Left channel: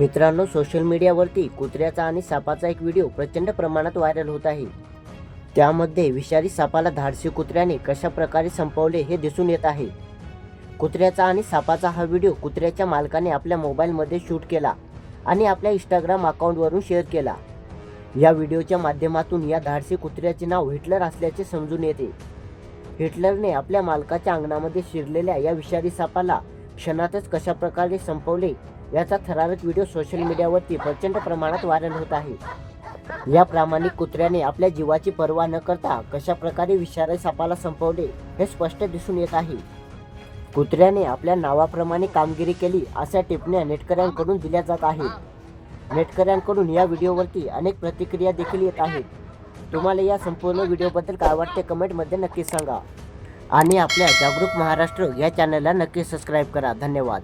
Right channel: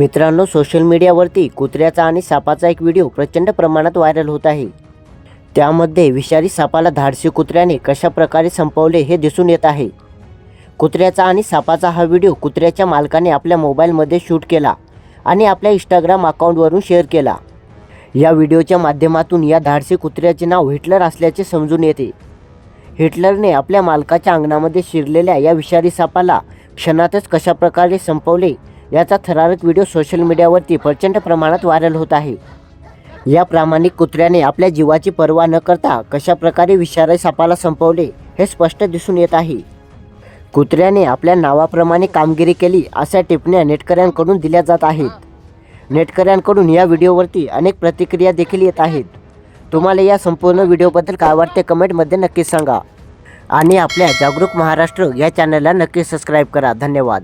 मित्रांनो सोशल मीडियावरती कुत्र्याचा आणि सापाचा एक व्हिडिओ प्रचंड प्रमाणात व्हायरल होत आहे. त्यामध्ये विषारी सापाला धाडसी कुत्र्याने कशा प्रकारे संपवले हे दिसून येत आहे. कुत्र्याचा आणि सापाचा हा व्हिडिओ कुत्र्याच्या मालकाने आपल्या मोबाईलमध्ये शूट केला आणि आपल्या इंस्टाग्राम अकाउंटवरून शेअर केला. या व्हिडिओच्या माध्यमातून या धाडसी कुत्र्याचे नाव हिटलर असल्याचे समजून येते. हिटलरने आपल्या मालकाच्या अंगणामध्ये शिरलेल्या या विषारी सापाला क्षणातच कशाप्रकारे संपवले याचा थरारक व्हिडिओ सोशल मीडियावरती प्रचंड प्रमाणात व्हायरल होत आहे. या प्रामाणिक कुत्र्याने आपल्या जीवाची पर्वा न करता कशाप्रकारे विषारी सापाला संपवले हे स्पष्ट दिसून येत आहे. कुत्र्याने आपल्या नावाप्रमाणे कामगिरी केली अशा टिप्पण्या नेटकऱ्यांकडून दिल्या जात आहेत. नेटकऱ्यांकडून या व्हिडिओवरती अनेक प्रतिक्रिया देखील येत आहेत. तुम्हाला या संपूर्ण व्हिडिओबद्दल काय वाटते कमेंटमध्ये नक्की सांगा. आणि आपल्या जागरूक महाराष्ट्र या चॅनलला नक्की सबस्क्राईब करा. धन्यवाद.